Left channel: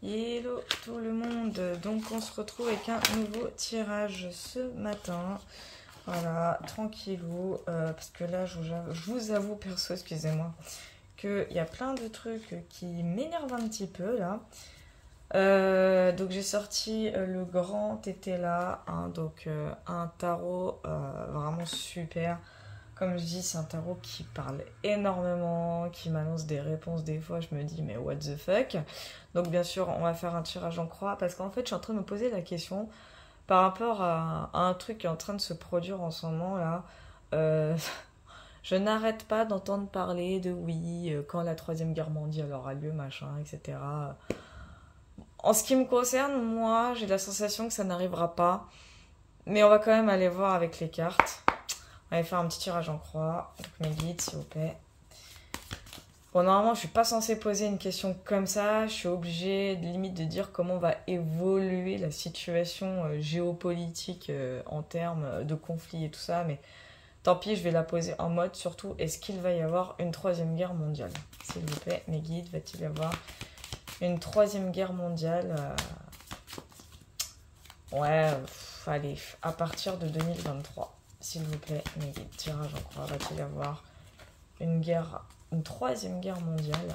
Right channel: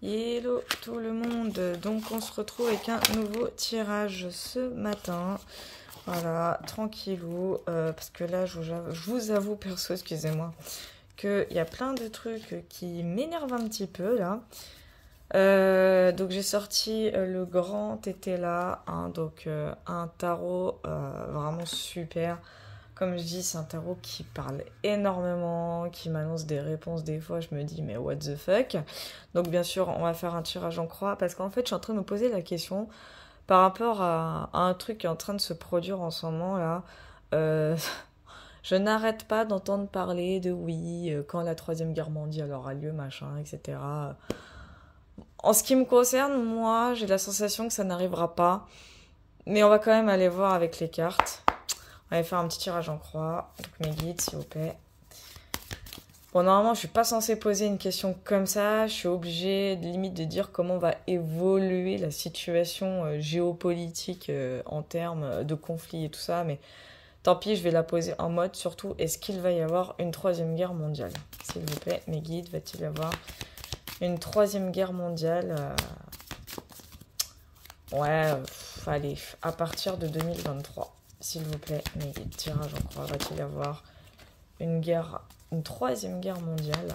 Hello tout le monde, donc on se retrouve avec un nouveau tirage ce matin, voilà, tranquillou, parce que là je vous avoue perso, excusez-moi, qu'il y a plein de trucs qui m'énervent un petit peu là. Donc j'ai sorti le grand Tétela, hein, donc un tarot vraiment super. Comme je dis, c'est un tarot qui parle énormément, qui m'annonce des réponses. Des fois, je me dis, mais what the fuck? Donc, bien sûr, on va faire un tirage en croix parce qu'en fait, je suis en train de me poser la question par rapport à un truc qui est en train de se produire en ce moment là. Euh, je n'arrête pas d'entendre parler de oui, quand la Troisième Guerre mondiale aura lieu, machin, etc. En ce qui me concerne, moi, j'ai la sensation que ça n'arrivera pas. Mais on va quand même aller voir avec les cartes. On va faire un petit tirage en croix. Donc mes guides, s'il vous plaît. Bon, normalement, je suis pas censée poser une question comme ça. Je suis obligée, limite, de dire comment va évoluer la situation géopolitique en termes de conflits et tout ça. Mais tant pis, je vais la poser en mode, surtout, est-ce qu'il va y avoir une troisième guerre mondiale? S'il vous plaît, mes guides, va-t-il y avoir une troisième guerre mondiale Ouais, allez, à partir de 2023. S'il vous plaît, mes guides, tirage en croix, va-t-il y avoir une troisième guerre mondiale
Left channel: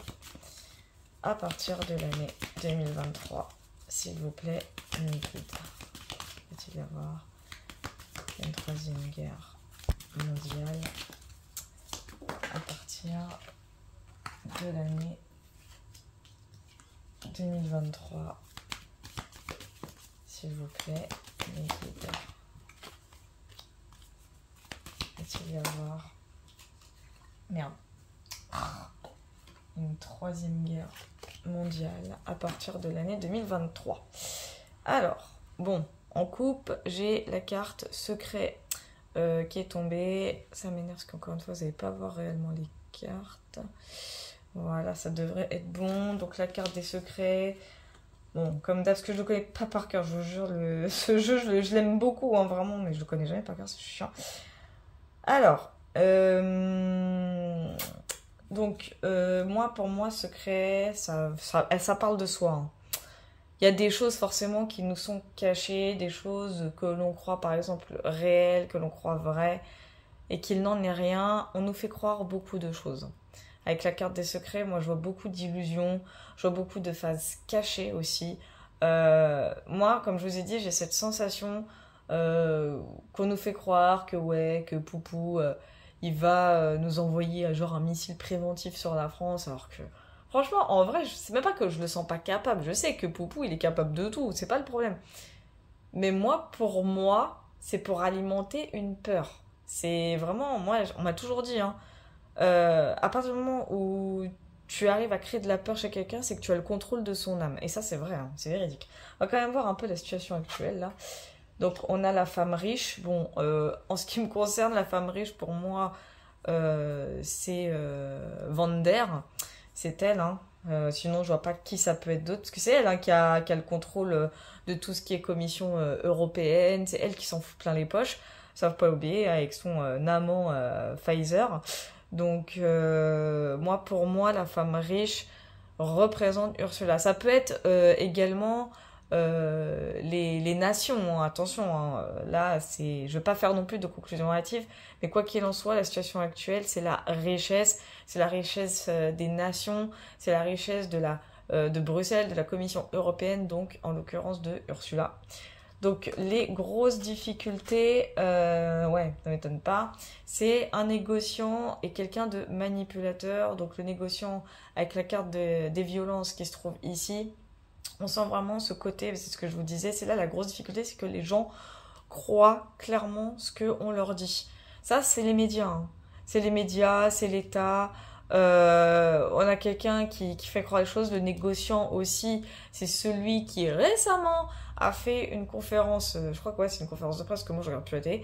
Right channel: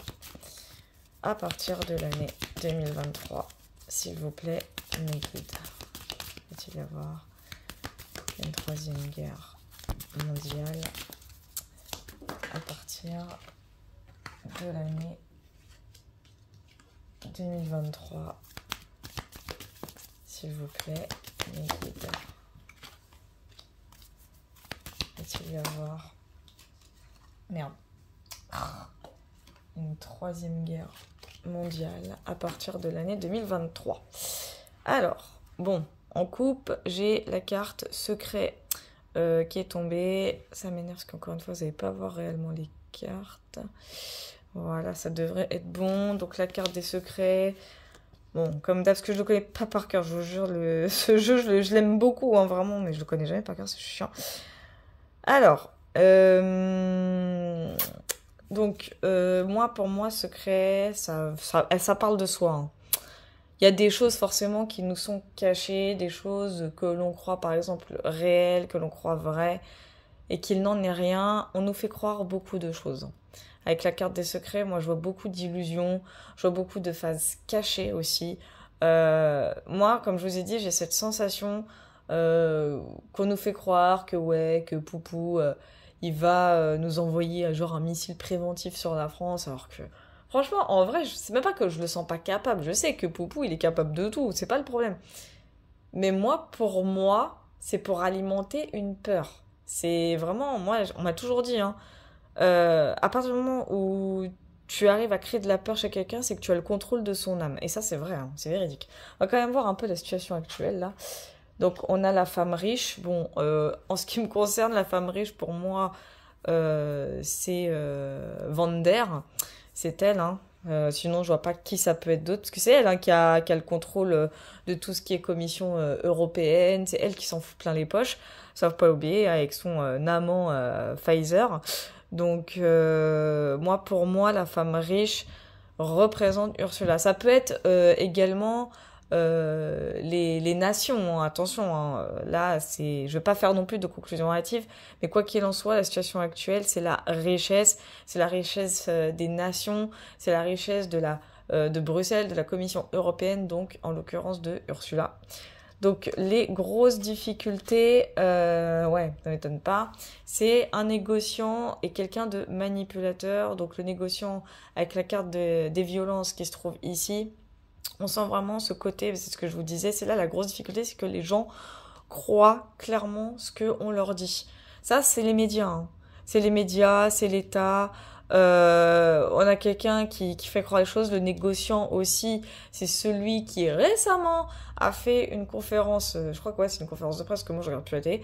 à partir de l'année 2023? S'il vous plaît, mes guides, va-t-il y avoir une troisième guerre mondiale à partir de l'année 2023? S'il vous plaît, mes guides. Va-t-il y avoir... Merde. Une troisième guerre mondiale à partir de l'année 2023. Alors, bon, en coupe, j'ai la carte secret qui est tombée. Ça m'énerve parce qu'encore une fois, vous n'allez pas voir réellement les cartes. Voilà, ça devrait être bon. Donc la carte des secrets... Bon, comme d'hab, parce que je le connais pas par cœur, je vous jure, ce jeu, je l'aime beaucoup, hein, vraiment, mais je le connais jamais par cœur, c'est chiant. Alors, donc, moi, pour moi, secret, ça parle de soi, hein. Il y a des choses forcément qui nous sont cachées, des choses que l'on croit, par exemple, réelles, que l'on croit vraies, et qu'il n'en est rien. On nous fait croire beaucoup de choses. Avec la carte des secrets, moi je vois beaucoup d'illusions, je vois beaucoup de phases cachées aussi. Moi, comme je vous ai dit, j'ai cette sensation qu'on nous fait croire que ouais, que Poupou, il va nous envoyer genre un missile préventif sur la France, alors que franchement, en vrai, c'est même pas que je le sens pas capable. Je sais que Poupou, il est capable de tout, c'est pas le problème. Mais moi, pour moi, c'est pour alimenter une peur. C'est vraiment, moi, on m'a toujours dit, hein, à partir du moment où tu arrives à créer de la peur chez quelqu'un, c'est que tu as le contrôle de son âme. Et ça, c'est vrai, hein, c'est véridique. On va quand même voir un peu la situation actuelle, là. Donc, on a la femme riche. Bon, en ce qui me concerne, la femme riche, pour moi, c'est Vander. C'est elle, hein. Sinon, je vois pas qui ça peut être d'autre. Parce que c'est elle, hein, qui a le contrôle de tout ce qui est commission européenne. C'est elle qui s'en fout plein les poches. Sauf pas oublier, avec son amant Pfizer. Donc, pour moi, la femme riche représente Ursula. Ça peut être également les nations, hein, attention, hein, là, je vais pas faire non plus de conclusion hâtive, mais quoi qu'il en soit, la situation actuelle, c'est la richesse des nations, c'est la richesse de Bruxelles, de la Commission européenne, donc en l'occurrence de Ursula. Donc les grosses difficultés, ouais, ça m'étonne pas, c'est un négociant et quelqu'un de manipulateur. Donc le négociant avec la carte des violences qui se trouve ici, on sent vraiment ce côté, c'est ce que je vous disais, c'est là la grosse difficulté, c'est que les gens croient clairement ce qu'on leur dit. Ça, c'est les médias, hein. C'est les médias, c'est l'État. On a quelqu'un qui fait croire les choses. Le négociant aussi, c'est celui qui récemment a fait une conférence, je crois que ouais, c'est une conférence de presse que moi je regarde plus la télé,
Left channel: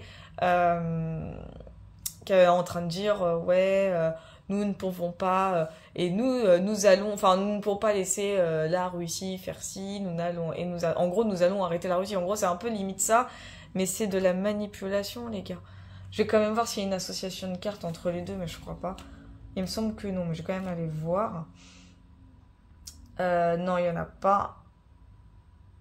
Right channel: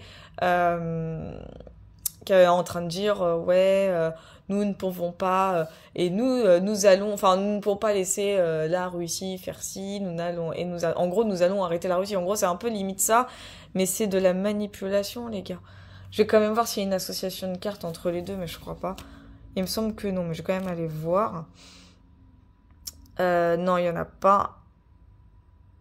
qui est en train de dire ouais, nous ne pouvons pas et nous allons, enfin nous ne pouvons pas laisser la Russie faire ci, nous allons et en gros nous allons arrêter la Russie. En gros c'est un peu limite ça, mais c'est de la manipulation les gars. Je vais quand même voir s'il y a une association de cartes entre les deux, mais je crois pas. Il me semble que non, mais je vais quand même aller voir. Non, il n'y en a pas.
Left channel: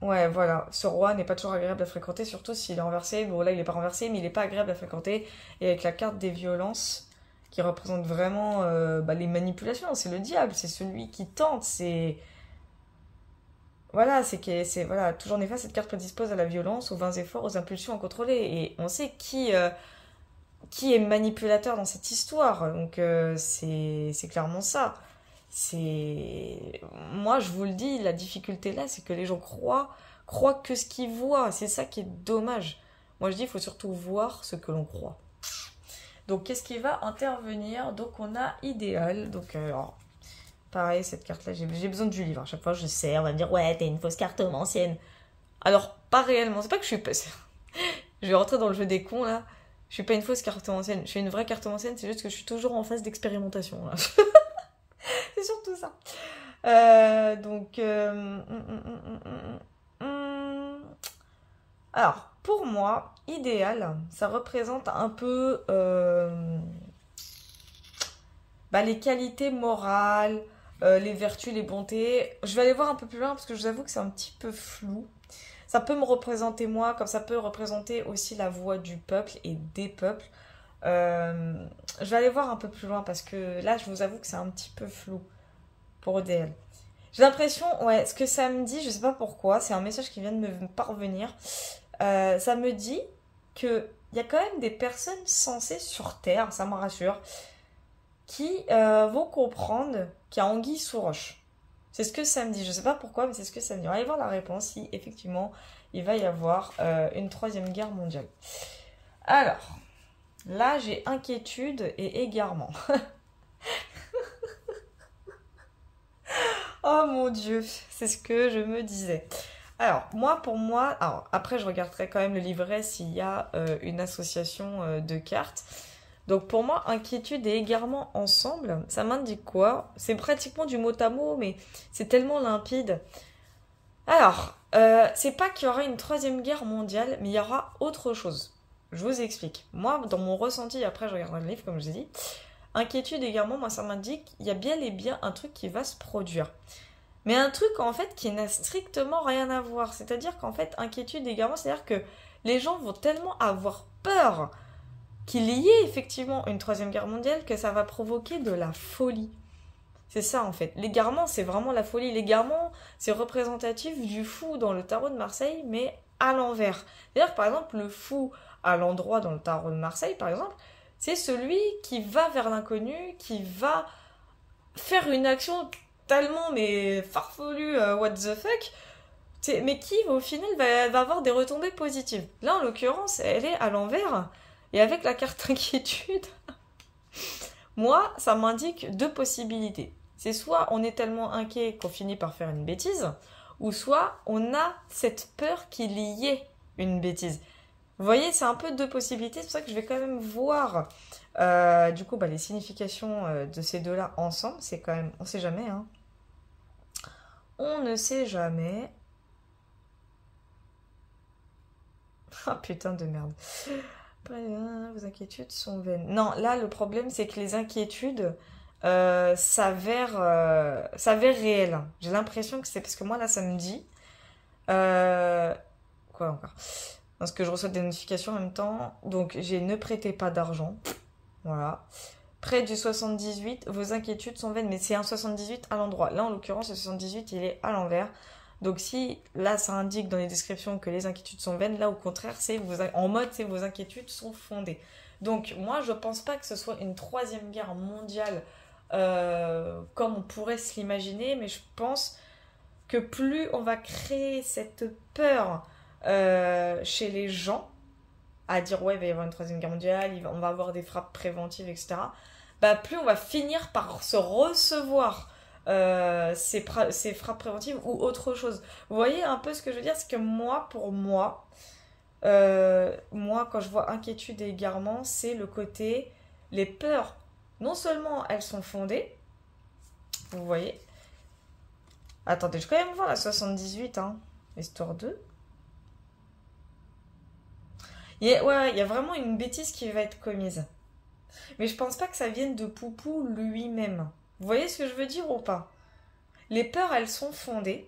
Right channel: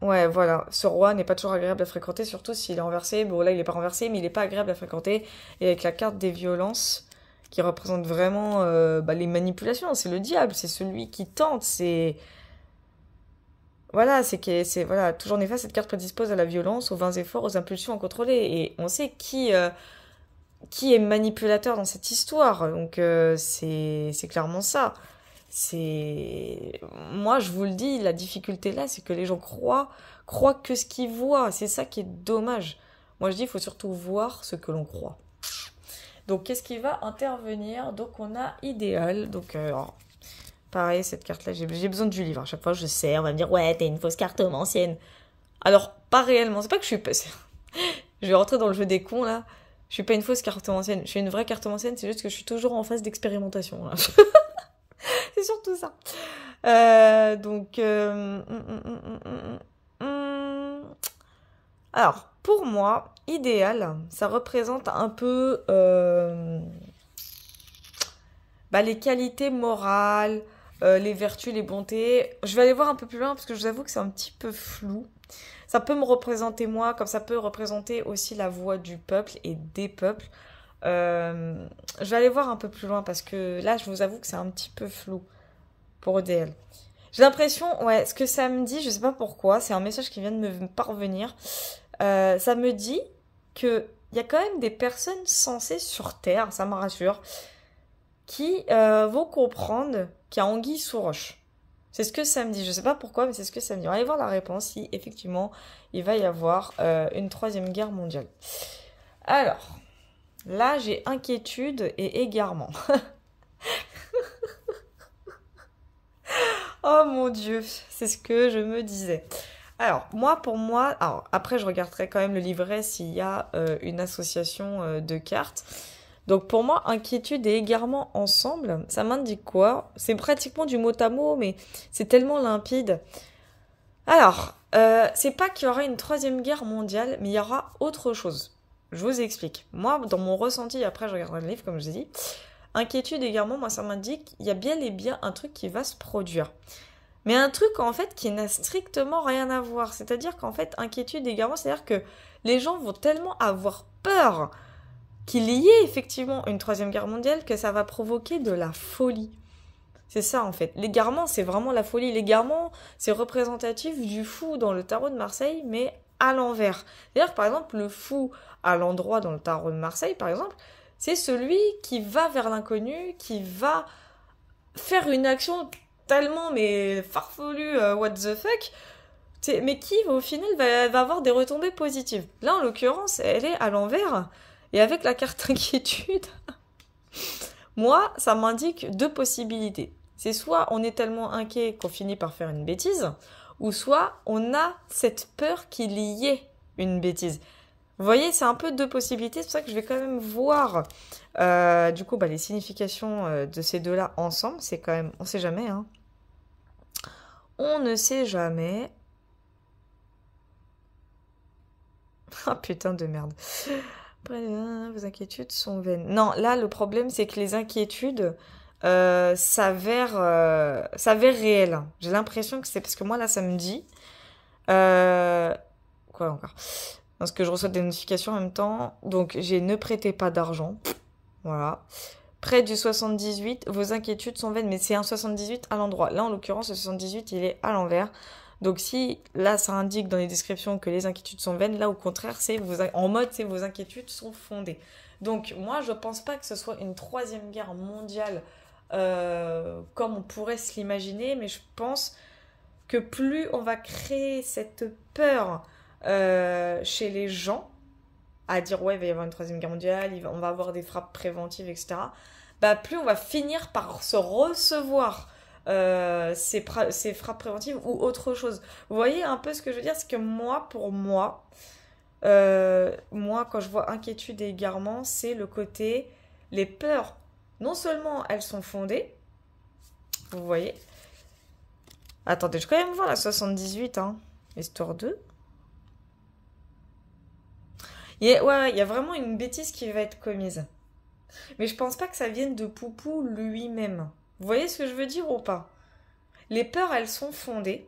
Ouais, voilà. Ce roi n'est pas toujours agréable à fréquenter, surtout s'il est renversé. Bon, là, il est pas renversé, mais il est pas agréable à fréquenter. Et avec la carte des violences, qui représente vraiment bah, les manipulations, c'est le diable, c'est celui qui tente, c'est... Voilà, c'est voilà, toujours néfaste, cette carte prédispose à la violence, aux vains efforts, aux impulsions incontrôlées. Et on sait qui est manipulateur dans cette histoire. Donc c'est clairement ça. C'est moi je vous le dis, la difficulté là, c'est que les gens croient que ce qu'ils voient. C'est ça qui est dommage. Moi je dis, il faut surtout voir ce que l'on croit. Donc qu'est-ce qui va intervenir? Donc on a idéal. Donc alors, pareil cette carte là, j'ai besoin du livre. À chaque fois je sais, on va me dire ouais t'es une fausse carte ancienne. Alors pas réellement. C'est pas que je suis pas. Je vais rentrer dans le jeu des cons là. Je suis pas une fausse cartomancienne, je suis une vraie cartomancienne, c'est juste que je suis toujours en phase d'expérimentation, là. C'est surtout ça. Donc, alors, pour moi, idéal, ça représente un peu bah, les qualités morales, les vertus, les bontés. Je vais aller voir un peu plus loin parce que je vous avoue que c'est un petit peu flou. Ça peut me représenter moi, comme ça peut représenter aussi la voix du peuple et des peuples. Euh, je vais aller voir un peu plus loin parce que là, je vous avoue que c'est un petit peu flou pour ODL. J'ai l'impression, ouais, ce que ça me dit, je sais pas pourquoi, c'est un message qui vient de me parvenir. Ça me dit que il y a quand même des personnes sensées sur Terre, ça me rassure, qui vont comprendre qu'il y a anguille sous roche. C'est ce que ça me dit. Je sais pas pourquoi, mais c'est ce que ça me dit. On va aller voir la réponse si effectivement il va y avoir une troisième guerre mondiale. Alors, là j'ai inquiétude et égarement. Oh mon Dieu, c'est ce que je me disais. Alors, moi, pour moi, alors après, je regarderai quand même le livret s'il y a une association de cartes. Donc, pour moi, inquiétude et égarement ensemble, ça m'indique quoi? C'est pratiquement du mot à mot, mais c'est tellement limpide. Alors, c'est pas qu'il y aura une troisième guerre mondiale, mais il y aura autre chose. Je vous explique. Moi, dans mon ressenti, après, je regarderai le livre, comme je l'ai dit. Inquiétude également, moi, ça m'indique qu'il y a bien et bien un truc qui va se produire. Mais un truc en fait qui n'a strictement rien à voir. C'est-à-dire qu'en fait, inquiétude également, c'est-à-dire que les gens vont tellement avoir peur qu'il y ait effectivement une troisième guerre mondiale que ça va provoquer de la folie. C'est ça en fait. L'égarement, c'est vraiment la folie. L'égarement, c'est représentatif du fou dans le tarot de Marseille, mais à l'envers. C'est-à-dire que par exemple, le fou à l'endroit dans le tarot de Marseille, par exemple, c'est celui qui va vers l'inconnu, qui va faire une action tellement mais farfelue, what the fuck, mais qui au final va avoir des retombées positives. Là en l'occurrence, elle est à l'envers et avec la carte inquiétude, moi ça m'indique deux possibilités. C'est soit on est tellement inquiet qu'on finit par faire une bêtise, ou soit on a cette peur qu'il y ait une bêtise. Vous voyez, c'est un peu deux possibilités, c'est pour ça que je vais quand même voir du coup bah, les significations de ces deux-là ensemble. C'est quand même, on sait jamais, hein. On ne sait jamais. Ah putain de merde. Après, vos inquiétudes sont vaines. Non, là le problème c'est que les inquiétudes s'avèrent réelles. J'ai l'impression que c'est parce que moi là ça me dit. Quoi encore? Parce que je reçois des notifications en même temps. Donc j'ai ne prêtez pas d'argent. Voilà. Près du 78, vos inquiétudes sont vaines. Mais c'est un 78 à l'endroit. Là en l'occurrence, le 78 il est à l'envers. Donc si là ça indique dans les descriptions que les inquiétudes sont vaines, là au contraire c'est en mode c'est vos inquiétudes sont fondées. Donc moi je pense pas que ce soit une troisième guerre mondiale comme on pourrait se l'imaginer, mais je pense que plus on va créer cette peur chez les gens, à dire ouais il va y avoir une troisième guerre mondiale, on va avoir des frappes préventives, etc. Bah plus on va finir par se recevoir ces frappes préventives ou autre chose. Vous voyez un peu ce que je veux dire, c'est que moi, pour moi, moi quand je vois inquiétude et égarement, c'est le côté, les peurs, non seulement elles sont fondées, vous voyez. Attendez, je vais quand même voir la 78, hein, histoire 2. Ouais, il y a vraiment une bêtise qui va être commise. Mais je pense pas que ça vienne de Poupou lui-même. Vous voyez ce que je veux dire ou pas? Les peurs, elles sont fondées.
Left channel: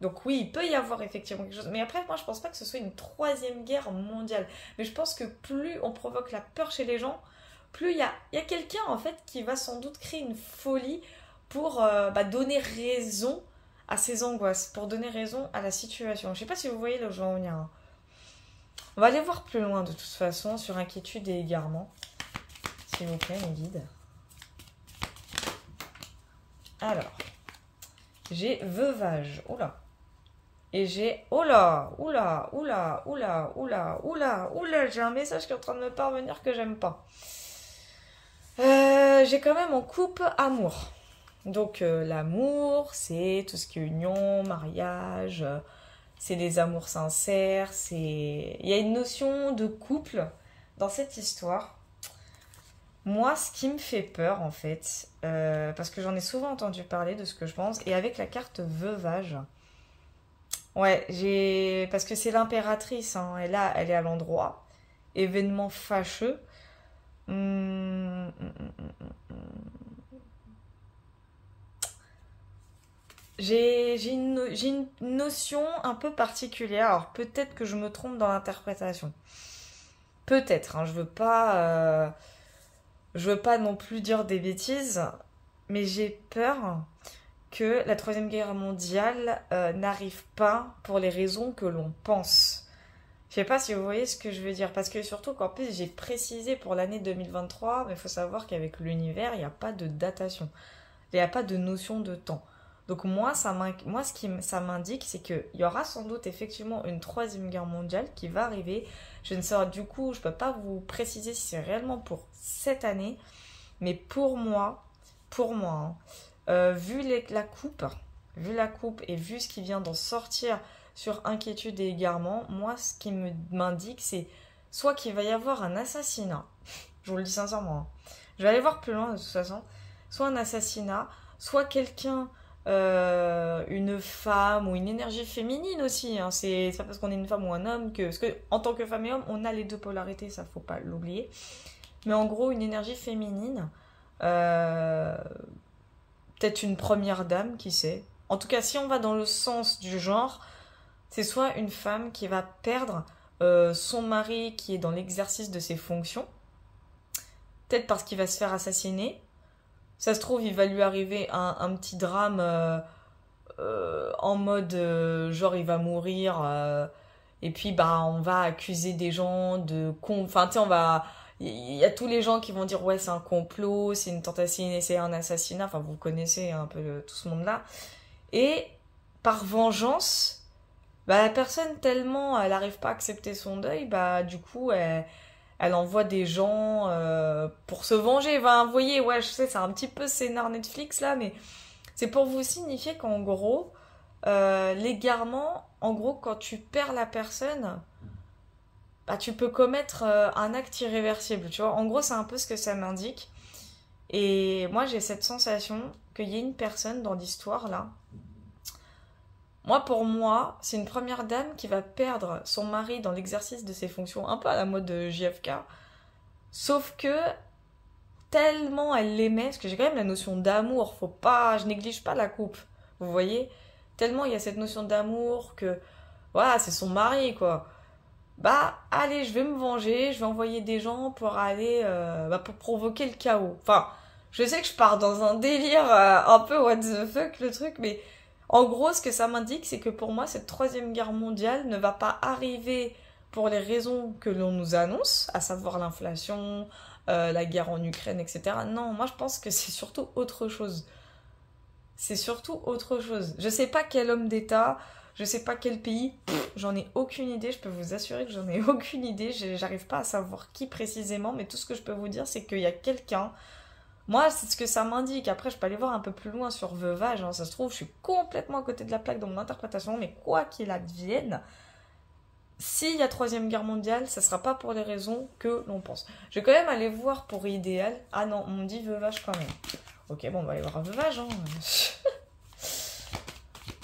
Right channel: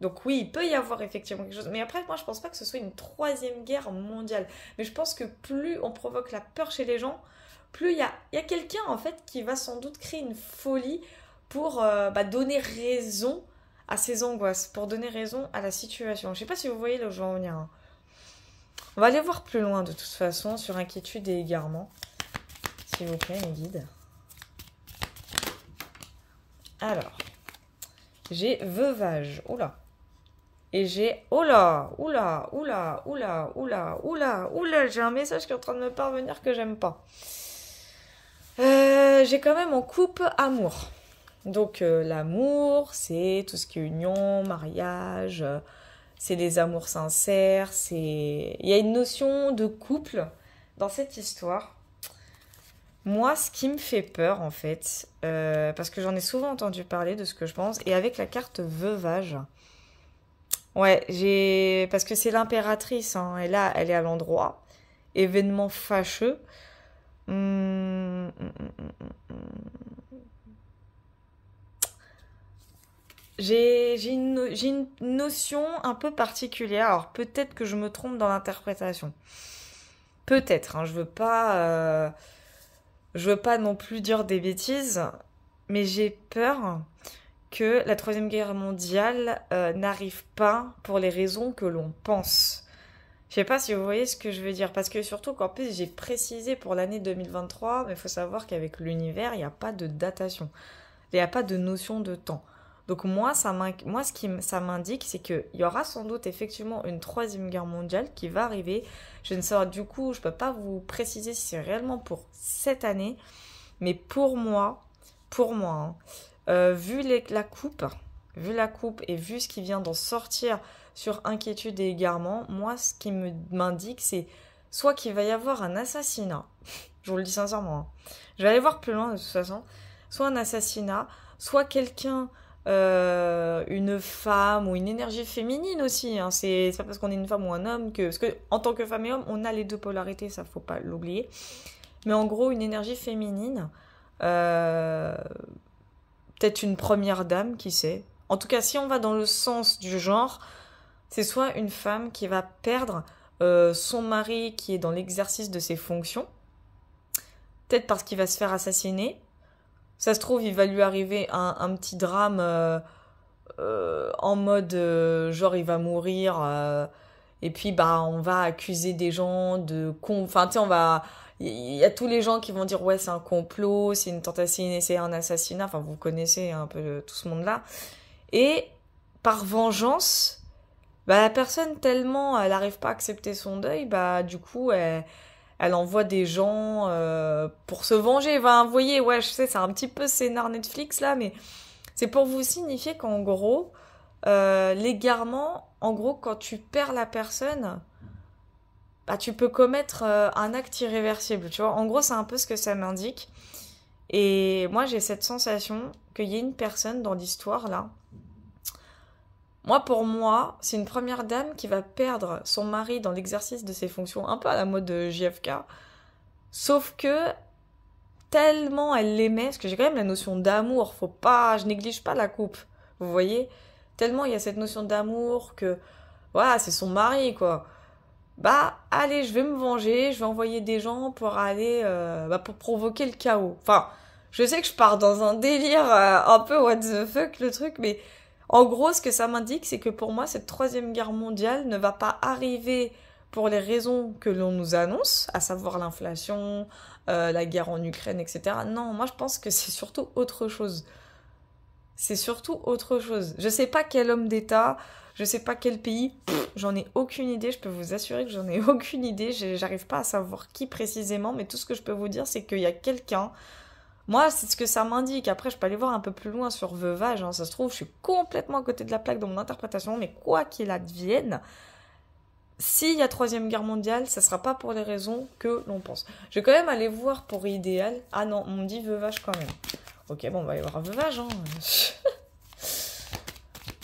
Donc oui, il peut y avoir effectivement quelque chose. Mais après, moi, je pense pas que ce soit une troisième guerre mondiale. Mais je pense que plus on provoque la peur chez les gens, plus il y a quelqu'un, en fait, qui va sans doute créer une folie pour donner raison à ses angoisses, pour donner raison à la situation. Je sais pas si vous voyez là où je veux en venir, hein. On va aller voir plus loin, de toute façon, sur inquiétude et égarement. S'il vous plaît, mes guides. Alors, j'ai veuvage. Oula. Et j'ai... Oula, oula, oula, oula, oula, oula, oula. J'ai un message qui est en train de me parvenir que j'aime pas. J'ai quand même en coupe amour. Donc l'amour, c'est tout ce qui est union, mariage, c'est les amours sincères, c'est... Il y a une notion de couple dans cette histoire. Moi, ce qui me fait peur, en fait, parce que j'en ai souvent entendu parler de ce que je pense, et avec la carte veuvage, ouais, parce que c'est l'impératrice, hein, et là, elle est à l'endroit. Événement fâcheux. Hum, hum, hum, hum, hum. J'ai une notion un peu particulière. Alors peut-être que je me trompe dans l'interprétation. Peut-être, hein, je veux pas non plus dire des bêtises, mais j'ai peur que la Troisième Guerre mondiale n'arrive pas pour les raisons que l'on pense. Je sais pas si vous voyez ce que je veux dire, parce que surtout qu'en plus j'ai précisé pour l'année 2023, mais il faut savoir qu'avec l'univers, il n'y a pas de datation, il n'y a pas de notion de temps. Donc moi, ça m'indique, c'est qu'il y aura sans doute effectivement une troisième guerre mondiale qui va arriver. Je ne sais, du coup, je ne peux pas vous préciser si c'est réellement pour cette année, mais pour moi, hein, vu la coupe et vu ce qui vient d'en sortir sur inquiétude et égarement, moi, ce qui m'indique, c'est soit qu'il va y avoir un assassinat, je vous le dis sincèrement, hein. Je vais aller voir plus loin de toute façon, soit un assassinat, soit quelqu'un, une femme ou une énergie féminine aussi, hein. C'est pas parce qu'on est une femme ou un homme que... Parce que en tant que femme et homme, on a les deux polarités, ça faut pas l'oublier. Mais en gros, une énergie féminine, euh, peut-être une première dame, qui sait. En tout cas, si on va dans le sens du genre, c'est soit une femme qui va perdre son mari qui est dans l'exercice de ses fonctions, peut-être parce qu'il va se faire assassiner. Ça se trouve, il va lui arriver un petit drame en mode genre il va mourir et puis bah on va accuser des gens de enfin tu sais on va il y a tous les gens qui vont dire ouais c'est un complot, c'est une tentative, c'est un assassinat, enfin vous connaissez un peu tout ce monde-là. Et par vengeance, bah la personne tellement elle n'arrive pas à accepter son deuil, bah du coup elle envoie des gens pour se venger. Enfin, vous voyez, ouais, je sais, c'est un petit peu scénar Netflix là, mais c'est pour vous signifier qu'en gros, l'égarement, en gros, quand tu perds la personne, bah, tu peux commettre un acte irréversible, tu vois. En gros, c'est un peu ce que ça m'indique. Et moi, j'ai cette sensation qu'il y ait une personne dans l'histoire là. Pour moi, c'est une première dame qui va perdre son mari dans l'exercice de ses fonctions, un peu à la mode de JFK. Sauf que tellement elle l'aimait, parce que j'ai quand même la notion d'amour, je néglige pas la coupe, vous voyez. Tellement il y a cette notion d'amour que, voilà, c'est son mari, quoi. Bah, allez, je vais me venger, je vais envoyer des gens pour aller, pour provoquer le chaos. Enfin, je sais que je pars dans un délire un peu what the fuck le truc, mais en gros, ce que ça m'indique, c'est que pour moi, cette troisième guerre mondiale ne va pas arriver pour les raisons que l'on nous annonce, à savoir l'inflation, la guerre en Ukraine, etc. Non, moi je pense que c'est surtout autre chose. C'est surtout autre chose. Je sais pas quel homme d'État, je sais pas quel pays, j'en ai aucune idée, je peux vous assurer que j'en ai aucune idée, j'arrive pas à savoir qui précisément, mais tout ce que je peux vous dire, c'est qu'il y a quelqu'un. Moi, c'est ce que ça m'indique. Après, je peux aller voir un peu plus loin sur veuvage, hein. Ça se trouve, je suis complètement à côté de la plaque dans mon interprétation, mais quoi qu'il advienne, s'il y a troisième guerre mondiale, ça sera pas pour les raisons que l'on pense. Je vais quand même aller voir pour idéal. Ah non, on me dit veuvage quand même. Ok, bon, on va aller voir veuvage, hein.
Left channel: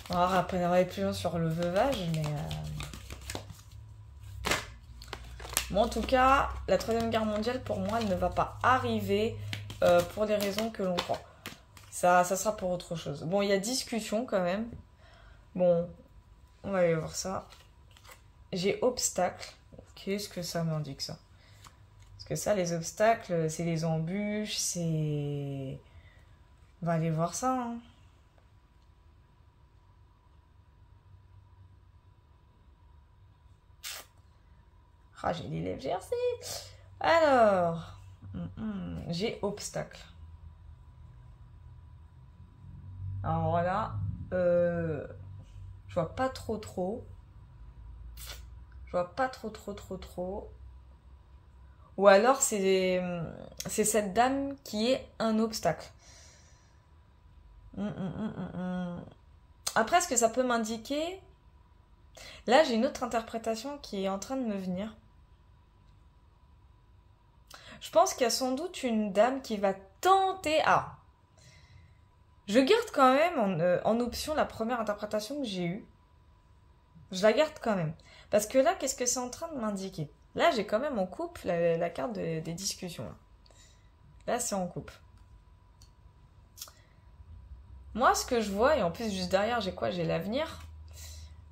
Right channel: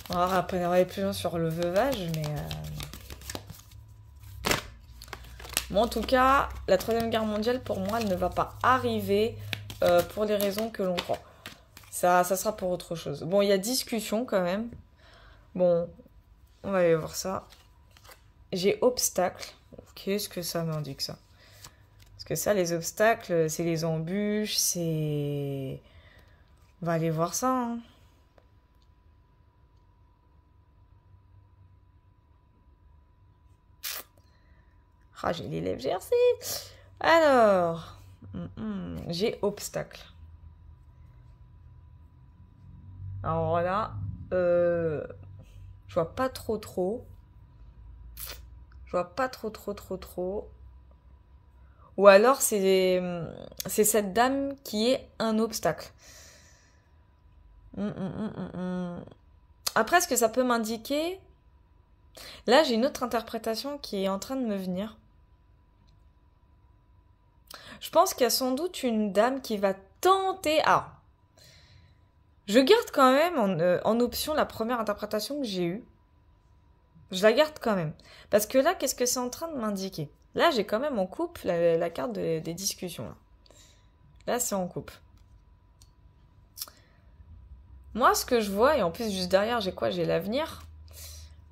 On va aller plus loin sur le veuvage, mais... Bon, en tout cas, la troisième guerre mondiale, pour moi, elle ne va pas arriver pour les raisons que l'on croit. Ça sera pour autre chose. Bon, il y a discussion quand même. Bon, On va aller voir ça. J'ai obstacle. Qu'est-ce que ça m'indique ça? Parce que ça, les obstacles, c'est les embûches, c'est... On va aller voir ça, hein. Ah, j'ai les lèvres gercées. Alors, j'ai obstacle. Alors voilà, je vois pas trop. Je vois pas trop. Ou alors c'est cette dame qui est un obstacle. Après, ce que ça peut m'indiquer... Là, j'ai une autre interprétation qui est en train de me venir. Je pense qu'il y a sans doute une dame qui va tenter... Ah, je garde quand même en option la première interprétation que j'ai eue. Je la garde quand même. Parce que là, qu'est-ce que c'est en train de m'indiquer? Là, j'ai quand même en couple la carte des discussions. Là, c'est en couple. Moi, ce que je vois, et en plus, juste derrière, j'ai quoi? J'ai l'avenir.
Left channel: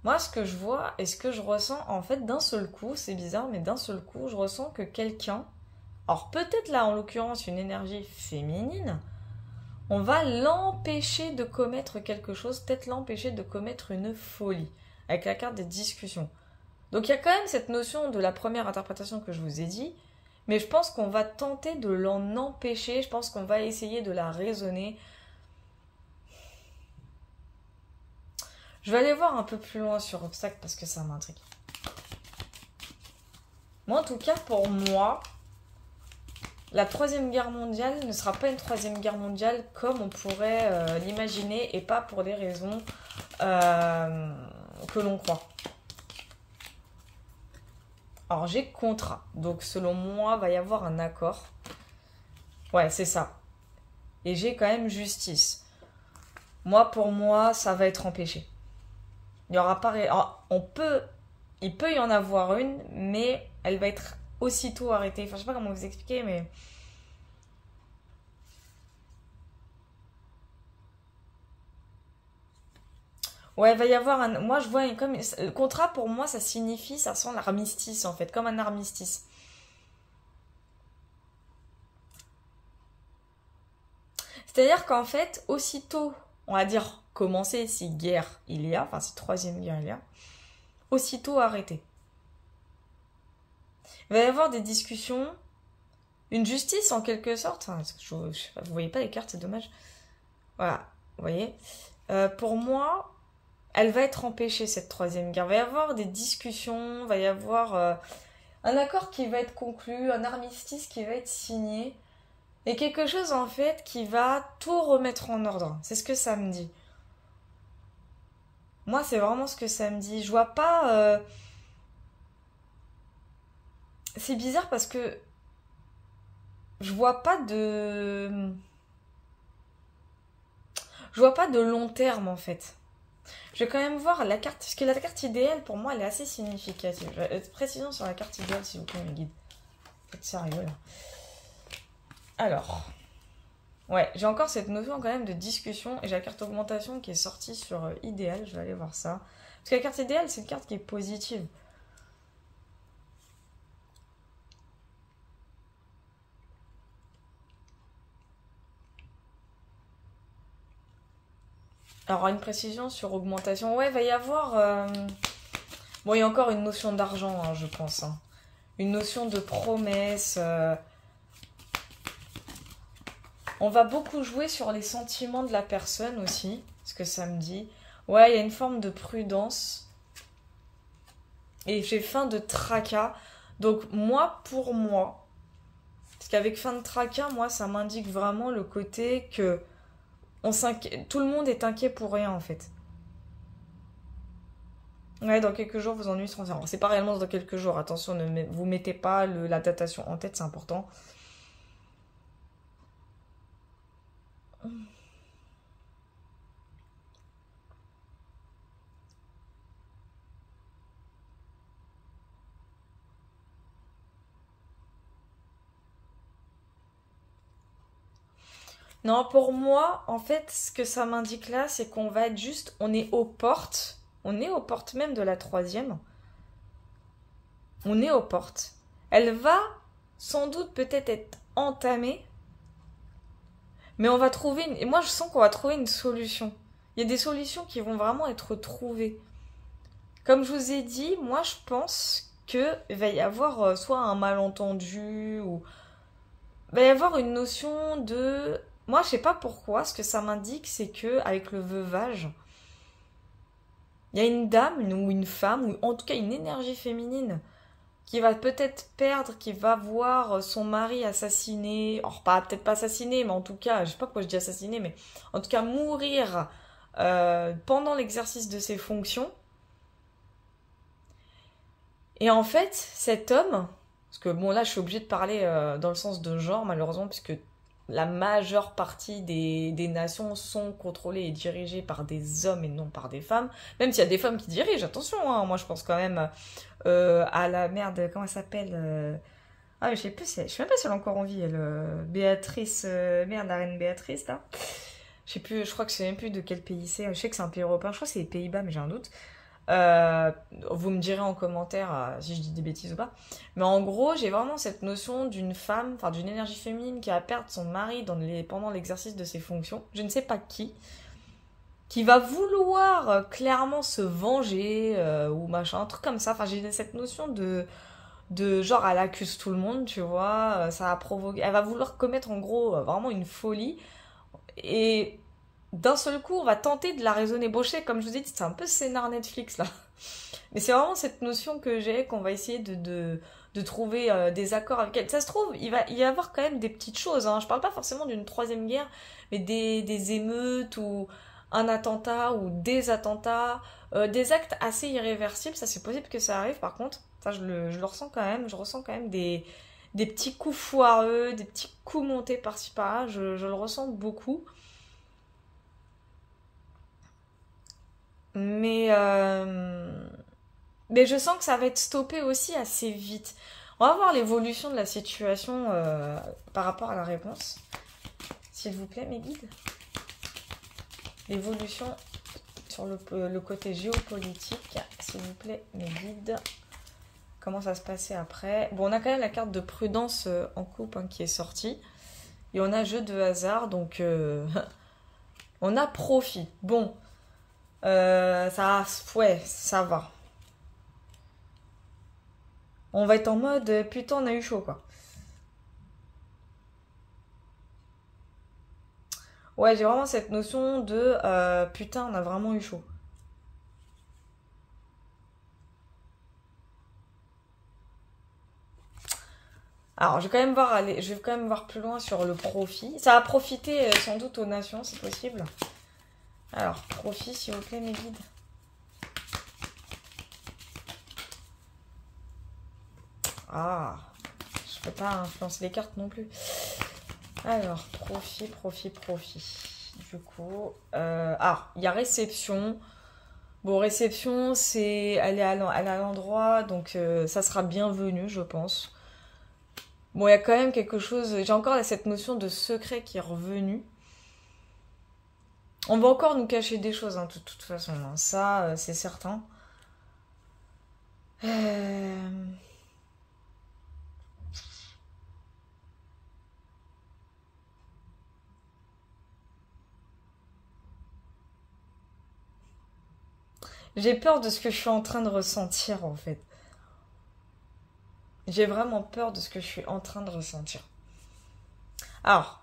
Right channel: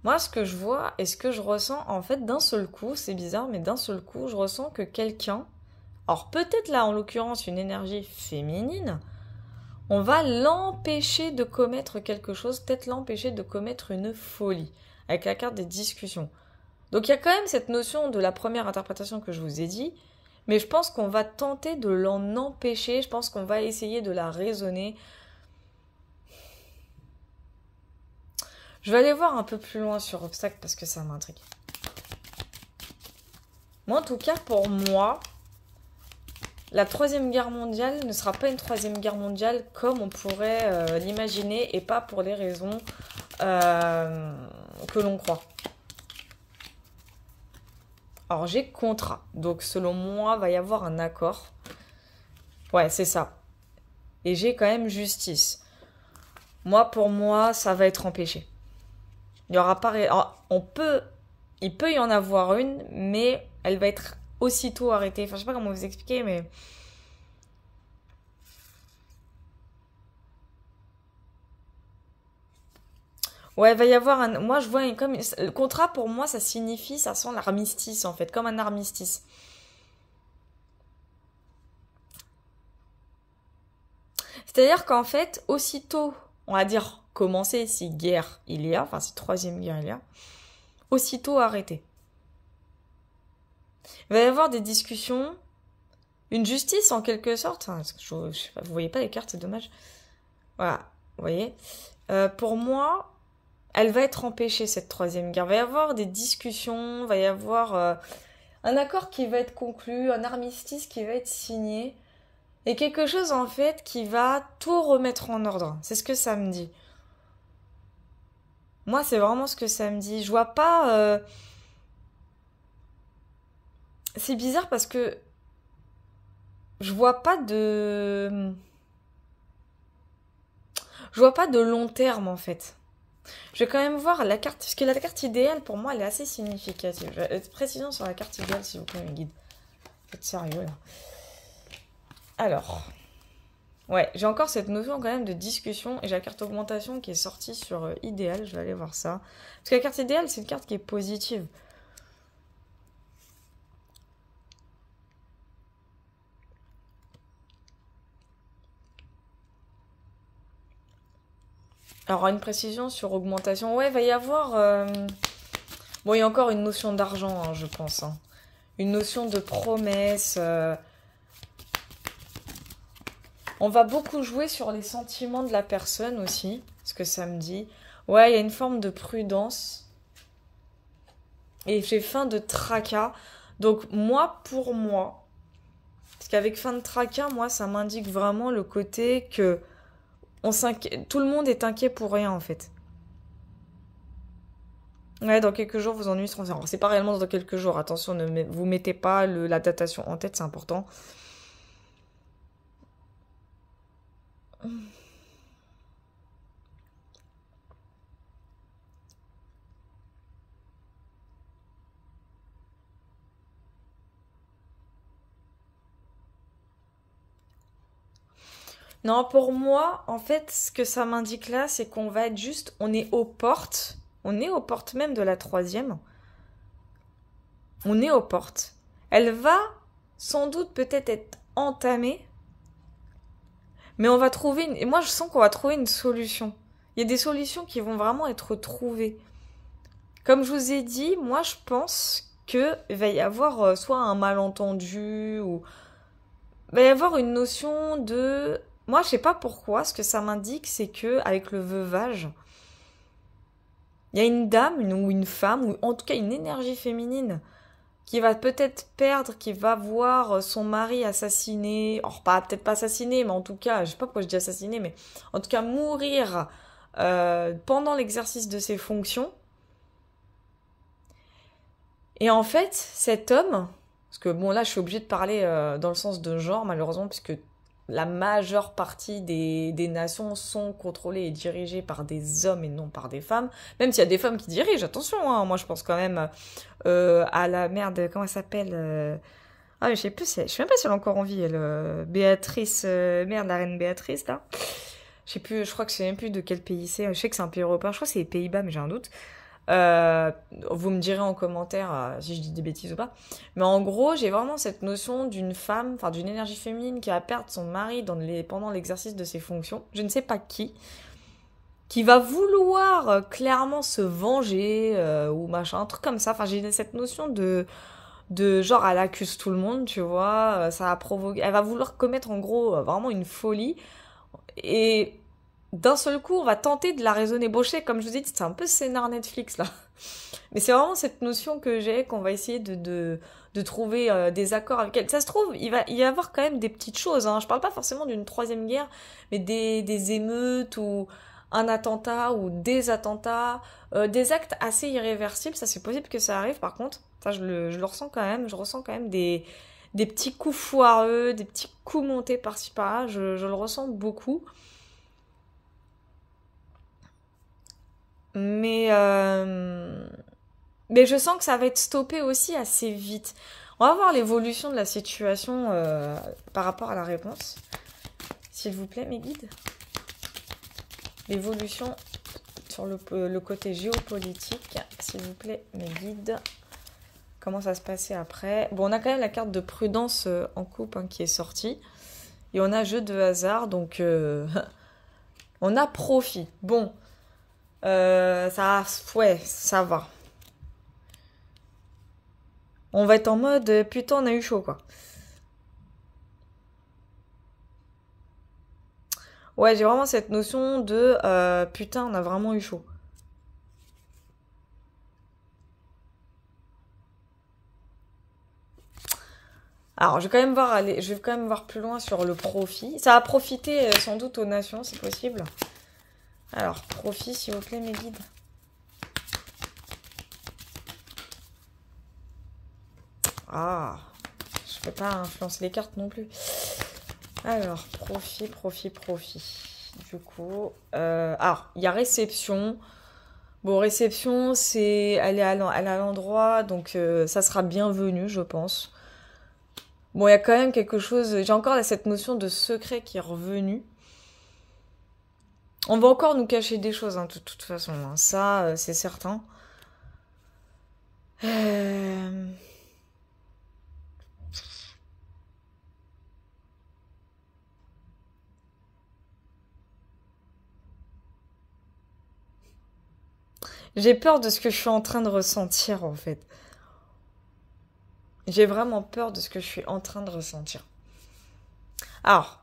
Moi, ce que je vois et ce que je ressens, en fait, d'un seul coup, c'est bizarre, mais d'un seul coup, je ressens que quelqu'un, alors peut-être là, en l'occurrence, une énergie féminine, on va l'empêcher de commettre quelque chose, peut-être l'empêcher de commettre une folie, avec la carte des discussions. Donc il y a quand même cette notion de la première interprétation que je vous ai dit, mais je pense qu'on va tenter de l'en empêcher, je pense qu'on va essayer de la raisonner. Je vais aller voir un peu plus loin sur obstacle parce que ça m'intrigue. Moi, en tout cas, pour moi, la Troisième Guerre mondiale ne sera pas une Troisième Guerre mondiale comme on pourrait l'imaginer et pas pour les raisons que l'on croit. Alors, j'ai contrat. Donc, selon moi, il va y avoir un accord. Ouais, c'est ça. Et j'ai quand même justice. Moi, pour moi, ça va être empêché. Il y aura pas... Alors, il peut y en avoir une, mais elle va être aussitôt arrêtée. Enfin, je sais pas comment vous expliquer, mais... Ouais, il va y avoir un... Moi, je vois comme... Le contrat, pour moi, ça signifie, ça sent l'armistice, en fait, comme un armistice. C'est-à-dire qu'en fait, aussitôt, on va dire, commencer, si guerre il y a, enfin, si troisième guerre il y a, aussitôt arrêter. Il va y avoir des discussions, une justice en quelque sorte. Enfin, je sais pas, vous voyez pas les cartes, c'est dommage. Voilà, vous voyez. Pour moi, elle va être empêchée, cette troisième guerre. Il va y avoir des discussions, il va y avoir un accord qui va être conclu, un armistice qui va être signé, et quelque chose en fait qui va tout remettre en ordre. C'est ce que ça me dit. Moi, c'est vraiment ce que ça me dit. Je vois pas... C'est bizarre parce que je vois pas de... Je vois pas de long terme en fait. Je vais quand même voir la carte, parce que la carte idéale pour moi elle est assez significative. Je vais être précision sur la carte idéale s'il vous plaît mes guides. Faites sérieux là. Alors, ouais, j'ai encore cette notion quand même de discussion et j'ai la carte augmentation qui est sortie sur idéal, je vais aller voir ça. Parce que la carte idéale c'est une carte qui est positive. Alors une précision sur augmentation, ouais, il va y avoir... Bon, il y a encore une notion d'argent, hein, je pense. Hein. Une notion de promesse. On va beaucoup jouer sur les sentiments de la personne aussi, ce que ça me dit. Ouais, il y a une forme de prudence. Et j'ai fin de tracas. Donc moi, pour moi, parce qu'avec fin de tracas, moi, ça m'indique vraiment le côté que tout le monde est inquiet pour rien, en fait. Ouais, dans quelques jours, vos ennuis seront... Alors, c'est pas réellement dans quelques jours. Attention, ne vous mettez pas la datation en tête, c'est important. Non, pour moi, en fait, ce que ça m'indique là, c'est qu'on va être juste... On est aux portes On est aux portes même de la troisième. On est aux portes. Elle va sans doute peut-être être entamée, mais on va trouver et moi je sens qu'on va trouver une solution. Il y a des solutions qui vont vraiment être trouvées. Comme je vous ai dit, moi je pense qu'il va y avoir soit un malentendu ou il va y avoir une notion de... Moi je sais pas pourquoi, ce que ça m'indique c'est que avec le veuvage, il y a une dame ou une femme, ou en tout cas une énergie féminine qui va peut-être perdre, qui va voir son mari assassiné, or pas peut-être pas assassiné, mais en tout cas, je sais pas pourquoi je dis assassiné, mais en tout cas mourir pendant l'exercice de ses fonctions. Et en fait, cet homme, parce que bon là je suis obligée de parler dans le sens de genre malheureusement, parce que la majeure partie des nations sont contrôlées et dirigées par des hommes et non par des femmes. Même s'il y a des femmes qui dirigent, attention, hein, moi je pense quand même à la merde, comment elle s'appelle Ah, je sais plus, je sais même pas si elle est encore en vie, elle, Béatrice, merde, la reine Béatrice, là. Je sais plus, je crois que je sais même plus de quel pays c'est. Je sais que c'est un pays européen, je crois que c'est les Pays-Bas, mais j'ai un doute. Vous me direz en commentaire si je dis des bêtises ou pas. Mais en gros, j'ai vraiment cette notion d'une femme, enfin d'une énergie féminine qui va perdre son mari pendant l'exercice de ses fonctions. Je ne sais pas qui va vouloir clairement se venger ou machin, un truc comme ça. Enfin, j'ai cette notion de genre, elle accuse tout le monde, tu vois. Ça va provoquer, elle va vouloir commettre en gros vraiment une folie. Et d'un seul coup, on va tenter de la raisonner. Bon, je sais, comme je vous ai dit, c'est un peu scénar Netflix, là. Mais c'est vraiment cette notion que j'ai, qu'on va essayer de trouver des accords avec elle. Ça se trouve, il va y avoir quand même des petites choses, hein. Je parle pas forcément d'une troisième guerre, mais des émeutes ou un attentat ou des attentats, des actes assez irréversibles. Ça, c'est possible que ça arrive, par contre. Ça, je le ressens quand même. Je ressens quand même des petits coups foireux, des petits coups montés par-ci par-là. Je le ressens beaucoup. Mais, euh, mais je sens que ça va être stoppé aussi assez vite. On va voir l'évolution de la situation par rapport à la réponse. S'il vous plaît, mes guides. L'évolution sur le côté géopolitique. S'il vous plaît, mes guides. Comment ça se passait après? Bon, on a quand même la carte de prudence en coupe hein, qui est sortie. Et on a jeu de hasard, donc on a profit. Bon, ouais, ça va. On va être en mode putain, on a eu chaud quoi. Ouais, j'ai vraiment cette notion de putain, on a vraiment eu chaud. Alors, je vais quand même voir plus loin sur le profit. Ça a profité sans doute aux nations, c'est possible. Alors, profit, s'il vous plaît, mes guides. Ah, je peux pas influencer les cartes non plus. Alors, profit. Du coup, alors, il y a réception. Bon, réception, elle est à l'endroit, donc ça sera bienvenu, je pense. Bon, il y a quand même quelque chose. J'ai encore cette notion de secret qui est revenue. On va encore nous cacher des choses, hein, de toute façon. Hein. Ça, c'est certain. Euh, J'ai peur de ce que je suis en train de ressentir, en fait. J'ai vraiment peur de ce que je suis en train de ressentir. Alors,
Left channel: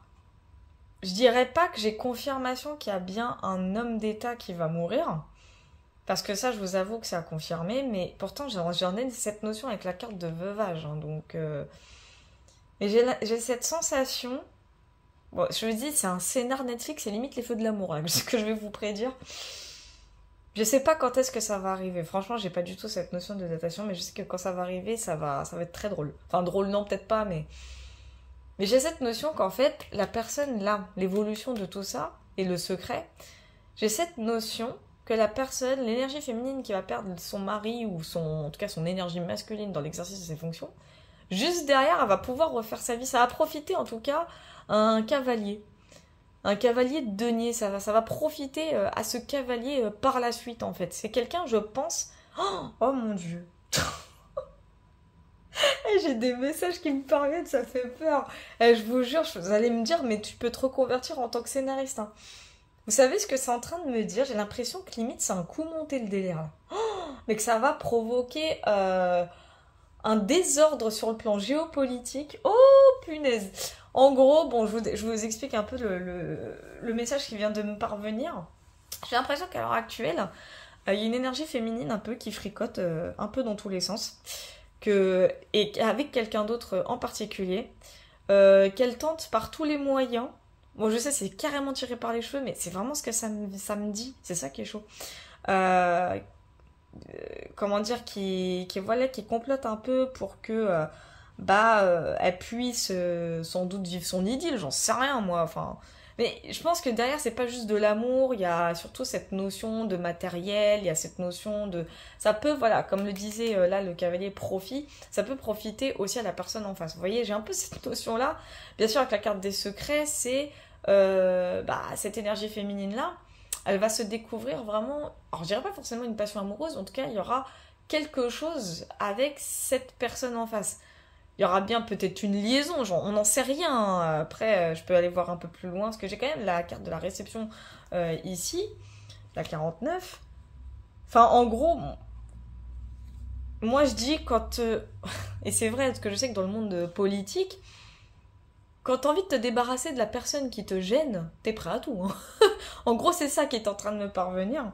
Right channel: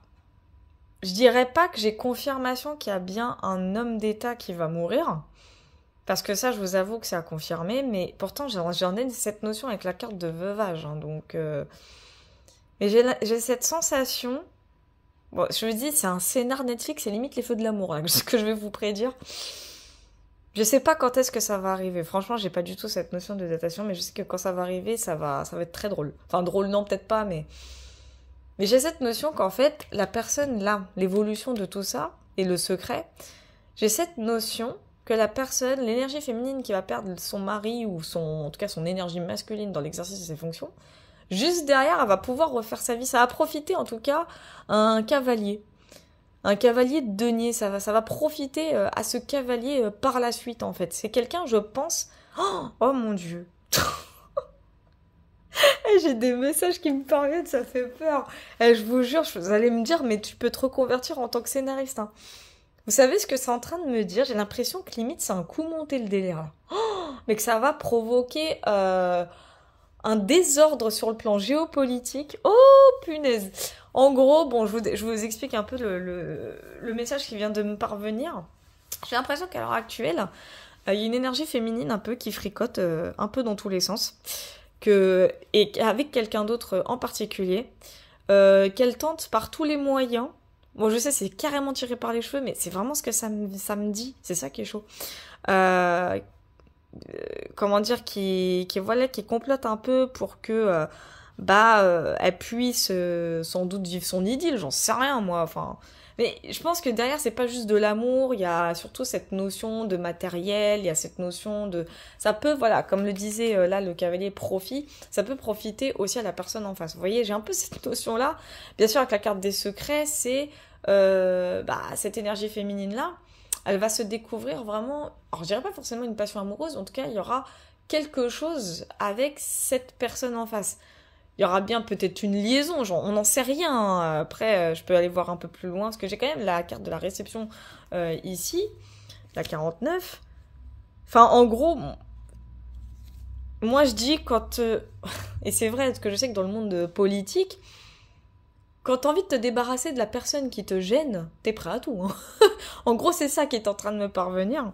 je dirais pas que j'ai confirmation qu'il y a bien un homme d'État qui va mourir. Parce que ça, je vous avoue que c'est à confirmer. Mais pourtant, j'en ai cette notion avec la carte de veuvage. Hein, donc, mais j'ai cette sensation. Bon, je vous dis, c'est un scénar Netflix, c'est limite les feux de l'amour, là, ce que je vais vous prédire. Je sais pas quand est-ce que ça va arriver. Franchement, j'ai pas du tout cette notion de datation, mais je sais que quand ça va arriver, ça va être très drôle. Enfin, drôle, non, peut-être pas, mais j'ai cette notion qu'en fait, la personne là, l'évolution de tout ça et le secret, j'ai cette notion que la personne, l'énergie féminine qui va perdre son mari ou en tout cas son énergie masculine dans l'exercice de ses fonctions, juste derrière, elle va pouvoir refaire sa vie. Ça va profiter en tout cas à un cavalier. Un cavalier de denier, ça va profiter à ce cavalier par la suite, en fait. C'est quelqu'un, je pense... Oh mon Dieu. J'ai des messages qui me parviennent, ça fait peur. Je vous jure, vous allez me dire, mais tu peux te reconvertir en tant que scénariste, hein. Vous savez ce que c'est en train de me dire? J'ai l'impression que limite c'est un coup monté le délire, là. Mais que ça va provoquer un désordre sur le plan géopolitique. Oh punaise! En gros, bon, je vous explique un peu le message qui vient de me parvenir. J'ai l'impression qu'à l'heure actuelle, il y a une énergie féminine un peu qui fricote un peu dans tous les sens. Et avec quelqu'un d'autre en particulier, qu'elle tente par tous les moyens. Bon, je sais, c'est carrément tiré par les cheveux, mais c'est vraiment ce que ça me dit. C'est ça qui est chaud. Euh, Comment dire, voilà, qui complote un peu pour que elle puisse sans doute vivre son idylle, j'en sais rien moi, enfin. Mais je pense que derrière c'est pas juste de l'amour, il y a surtout cette notion de matériel, il y a cette notion de, ça peut, voilà, comme le disait là le cavalier profit, ça peut profiter aussi à la personne en face. Vous voyez, j'ai un peu cette notion là. Bien sûr avec la carte des secrets, c'est cette énergie féminine là, elle va se découvrir vraiment, alors je dirais pas forcément une passion amoureuse, en tout cas il y aura quelque chose avec cette personne en face. Il y aura bien peut-être une liaison, genre, on n'en sait rien, hein. Après, je peux aller voir un peu plus loin, parce que j'ai quand même la carte de la réception ici, la 49. Enfin, en gros, moi je dis quand... et c'est vrai, parce que je sais que dans le monde politique, quand t'as envie de te débarrasser de la personne qui te gêne, t'es prêt à tout, hein. En gros, c'est ça qui est en train de me parvenir.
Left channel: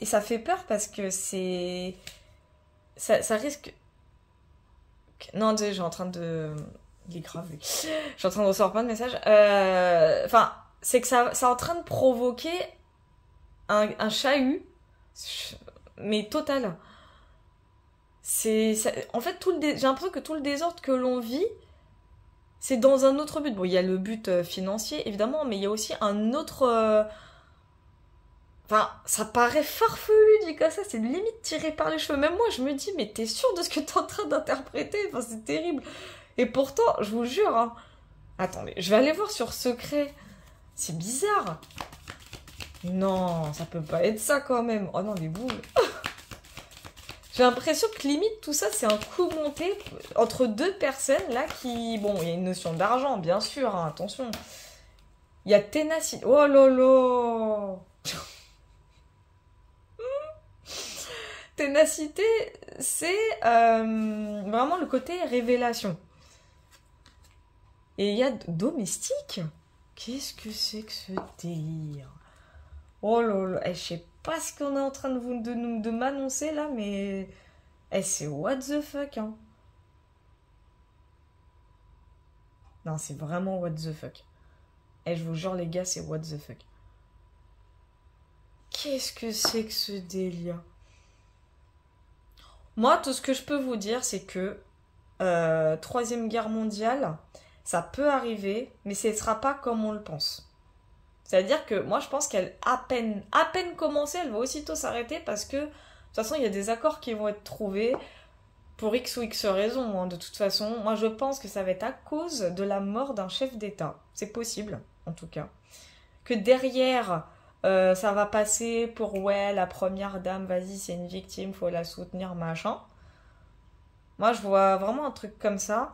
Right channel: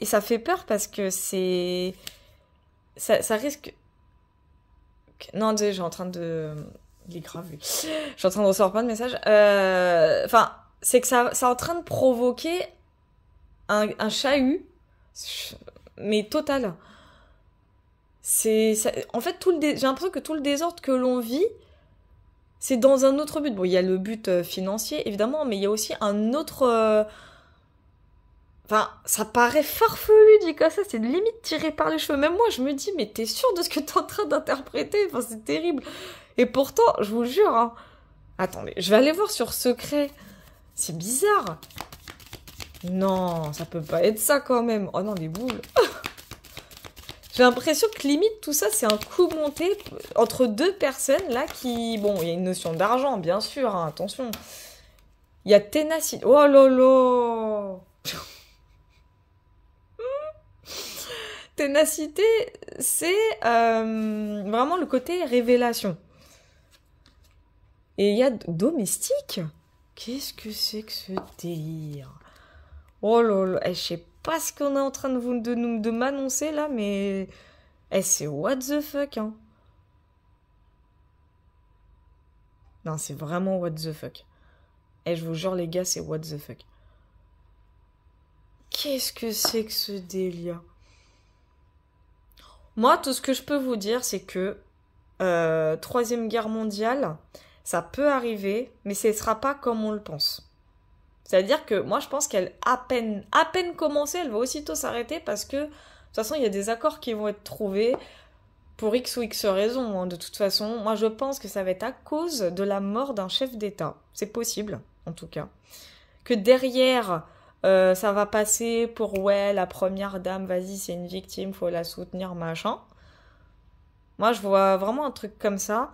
Et ça fait peur parce que c'est... Ça risque... Non, désolé, j'ai en train de... Il est grave, lui. Je suis en train de recevoir plein de messages. Enfin, c'est que ça est en train de provoquer un chahut, mais total. En fait, j'ai l'impression que tout le désordre que l'on vit, c'est dans un autre but. Bon, il y a le but financier, évidemment, mais il y a aussi un autre... Enfin, ça paraît farfelu dit comme ça, c'est limite tiré par les cheveux. Même moi, je me dis, mais t'es sûr de ce que t'es en train d'interpréter? Enfin, c'est terrible. Et pourtant, je vous jure, hein. Attendez, je vais aller voir sur secret. C'est bizarre. Non, ça peut pas être ça quand même. Oh non, des boules. J'ai l'impression que limite tout ça, c'est un coup monté entre deux personnes là qui... Bon, il y a une notion d'argent, bien sûr, hein, attention. Il y a ténacité. Oh là là. Ténacité, c'est vraiment le côté révélation. Et il y a domestique. Qu'est-ce que c'est que ce délire? Oh là là, je sais pas ce qu'on est en train de m'annoncer là, mais c'est what the fuck, hein. Non, c'est vraiment what the fuck. Je vous jure les gars, c'est what the fuck. Qu'est-ce que c'est que ce délire? Moi, tout ce que je peux vous dire, c'est que Troisième Guerre mondiale, ça peut arriver, mais ce ne sera pas comme on le pense. C'est-à-dire que moi, je pense qu'elle à peine commencée, elle va aussitôt s'arrêter parce que, de toute façon, il y a des accords qui vont être trouvés pour X ou X raisons, hein. De toute façon, moi, je pense que ça va être à cause de la mort d'un chef d'État. C'est possible, en tout cas. Que derrière... ça va passer pour ouais, la première dame, vas-y, c'est une victime, faut la soutenir, machin. Moi, je vois vraiment un truc comme ça,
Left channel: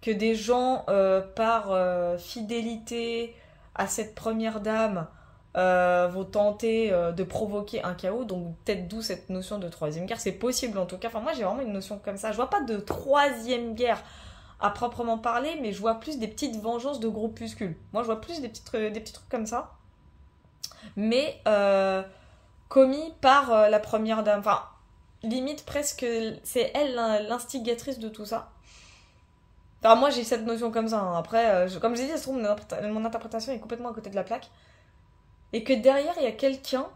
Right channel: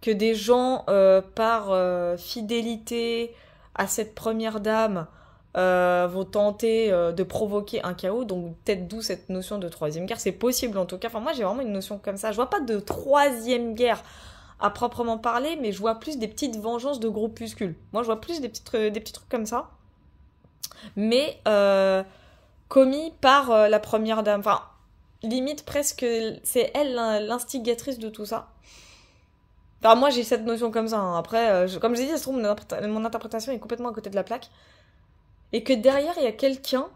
que des gens, par fidélité à cette première dame, vont tenter de provoquer un chaos, donc peut-être d'où cette notion de troisième guerre. C'est possible en tout cas. Enfin, moi, j'ai vraiment une notion comme ça. Je vois pas de troisième guerre à proprement parler, mais je vois plus des petites vengeances de groupuscules. Moi, je vois plus des petits trucs comme ça. Mais commis par la première dame. Enfin, limite presque, c'est elle l'instigatrice de tout ça. Enfin, moi j'ai cette notion comme ça, hein. Après, comme je l'ai dit, ça se trouve, mon interprétation est complètement à côté de la plaque. Et que derrière, il y a quelqu'un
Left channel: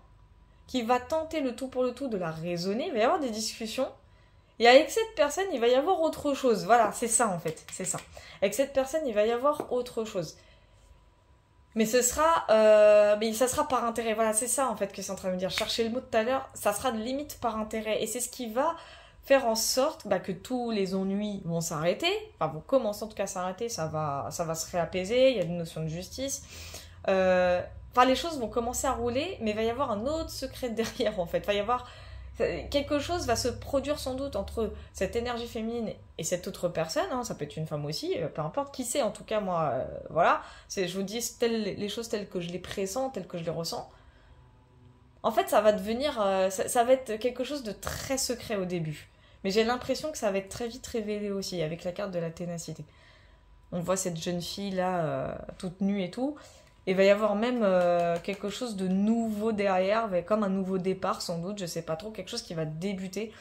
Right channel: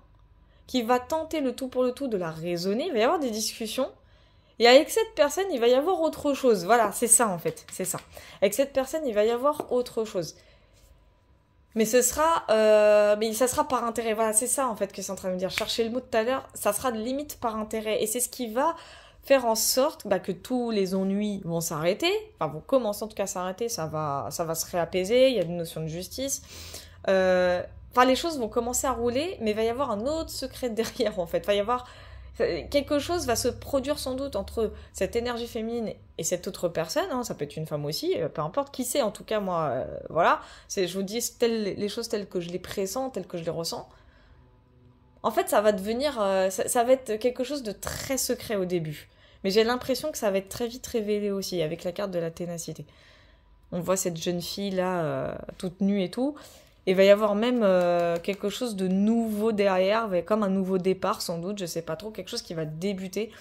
qui va tenter le tout pour le tout de la raisonner. Il va y avoir des discussions. Et avec cette personne, il va y avoir autre chose. Voilà, c'est ça en fait, c'est ça. Avec cette personne, il va y avoir autre chose. Mais ça sera par intérêt. Voilà, c'est ça en fait que c'est en train de me dire. Chercher le mot de tout à l'heure, ça sera de limite par intérêt. Et c'est ce qui va faire en sorte bah, que tous les ennuis vont s'arrêter, enfin vont commencer en tout cas à s'arrêter, ça va se réapaiser, il y a une notion de justice. Enfin, les choses vont commencer à rouler, mais il va y avoir un autre secret derrière en fait. Il va y avoir quelque chose va se produire sans doute entre cette énergie féminine et cette autre personne, hein, ça peut être une femme aussi, peu importe qui c'est, en tout cas moi, voilà, je vous dis les choses telles que je les pressens, telles que je les ressens. En fait, ça va devenir, ça va être quelque chose de très secret au début. Mais j'ai l'impression que ça va être très vite révélé aussi, avec la carte de la ténacité. On voit cette jeune fille là, toute nue et tout. Et il va y avoir même quelque chose de nouveau derrière, comme un nouveau départ sans doute, je sais pas trop, quelque chose qui va débuter.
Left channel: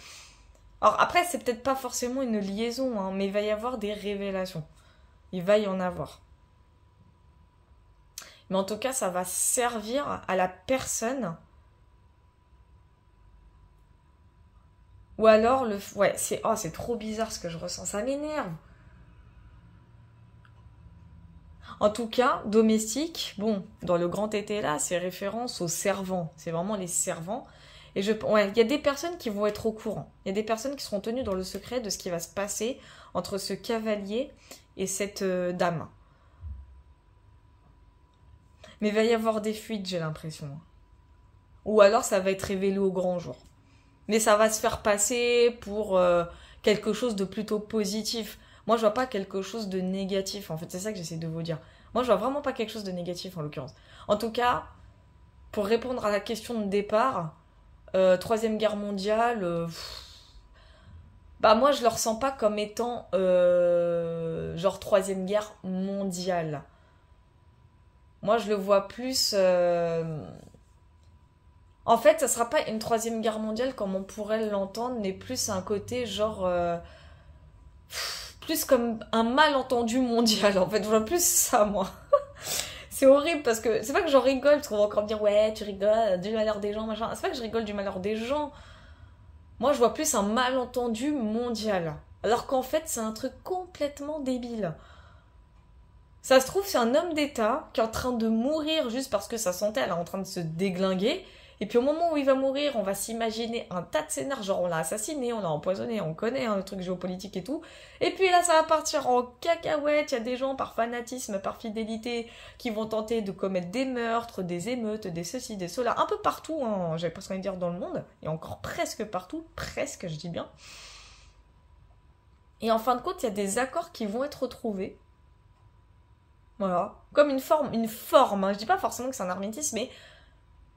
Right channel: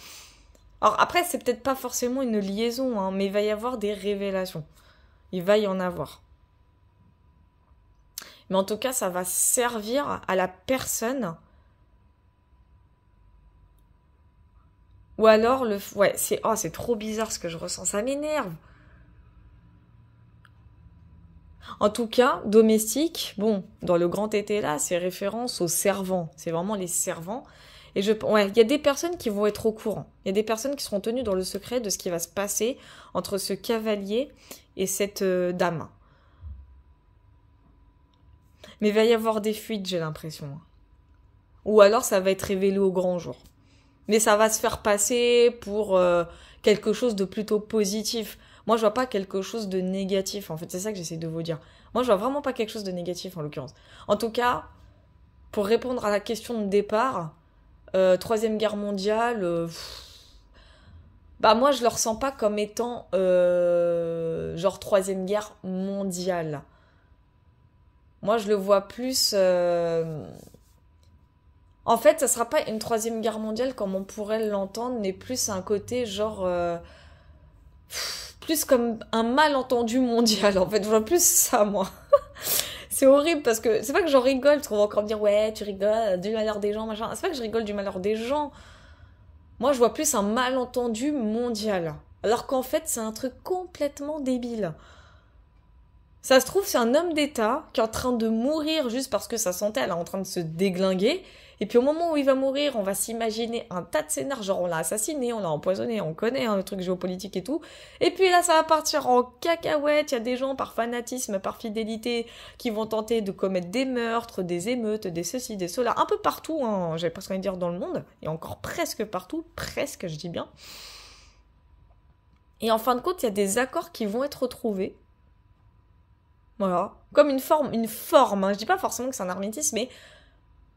Alors après, c'est peut-être pas forcément une liaison, hein, mais il va y avoir des révélations. Il va y en avoir. Mais en tout cas, ça va servir à la personne. Ou alors, ouais, c'est trop bizarre ce que je ressens, ça m'énerve. En tout cas, domestique, bon, dans le grand été là, c'est référence aux servants. C'est vraiment les servants. Et ouais, il y a des personnes qui vont être au courant. Il y a des personnes qui seront tenues dans le secret de ce qui va se passer entre ce cavalier et cette dame. Mais il va y avoir des fuites, j'ai l'impression. Ou alors ça va être révélé au grand jour. Mais ça va se faire passer pour quelque chose de plutôt positif. Moi, je vois pas quelque chose de négatif. En fait, c'est ça que j'essaie de vous dire. Moi, je vois vraiment pas quelque chose de négatif, en l'occurrence. En tout cas, pour répondre à la question de départ, Troisième Guerre mondiale, bah moi, je le ressens pas comme étant genre Troisième Guerre mondiale. Moi, je le vois plus... En fait, ça sera pas une Troisième Guerre mondiale comme on pourrait l'entendre, mais plus un côté genre... plus comme un malentendu mondial, en fait. Je vois plus ça, moi. C'est horrible parce que c'est pas que j'en rigole, tu vas encore me dire ouais, tu rigoles du malheur des gens, machin. C'est pas que je rigole du malheur des gens. Moi, je vois plus un malentendu mondial. Alors qu'en fait, c'est un truc complètement débile. Ça se trouve, c'est un homme d'État qui est en train de mourir juste parce que sa santé, elle est en train de se déglinguer. Et puis au moment où il va mourir, on va s'imaginer un tas de scénarios, genre on l'a assassiné, on l'a empoisonné, on connaît hein, le truc géopolitique et tout. Et puis là, ça va partir en cacahuète. Il y a des gens par fanatisme, par fidélité, qui vont tenter de commettre des meurtres, des émeutes, des ceci, des cela, un peu partout, hein, j'avais presque envie de dire dans le monde, et encore presque partout, presque, je dis bien. Et en fin de compte, il y a des accords qui vont être retrouvés. Voilà. Comme une forme, hein. Je dis pas forcément que c'est un hermétisme, mais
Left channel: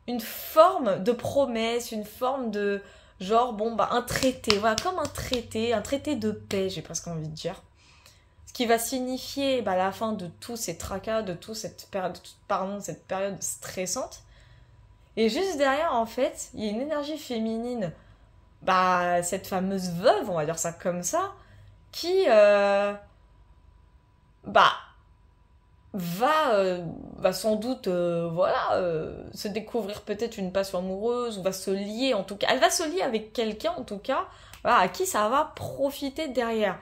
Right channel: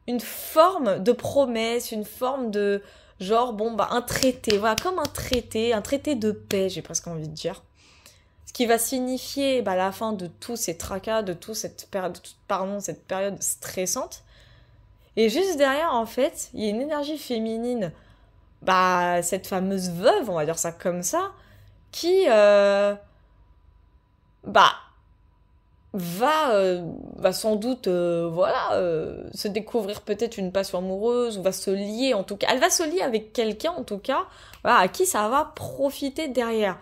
une forme de promesse, une forme de genre, bon, bah, un traité, voilà, comme un traité de paix, j'ai presque envie de dire. Ce qui va signifier bah, la fin de tous ces tracas, de toute cette période, cette période stressante. Et juste derrière, en fait, il y a une énergie féminine, bah, cette fameuse veuve, on va dire ça comme ça, qui, bah, va sans doute voilà se découvrir peut-être une passion amoureuse ou va se lier en tout cas elle va se lier avec quelqu'un en tout cas voilà, à qui ça va profiter derrière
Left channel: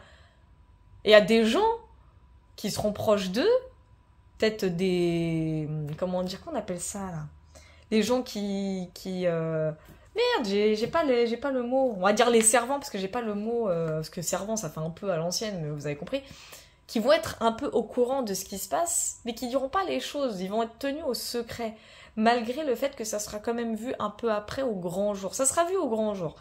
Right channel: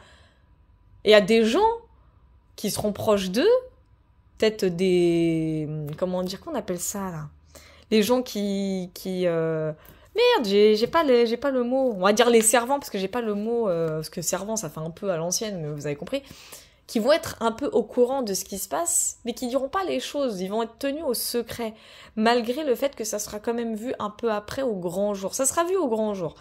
et à des gens qui seront proches d'eux peut-être des comment dire qu'on appelle ça là les gens qui merde j'ai pas le mot on va dire les servants parce que j'ai pas le mot parce que servant ça fait un peu à l'ancienne mais vous avez compris qui vont être un peu au courant de ce qui se passe, mais qui ne diront pas les choses. Ils vont être tenus au secret, malgré le fait que ça sera quand même vu un peu après au grand jour. Ça sera vu au grand jour.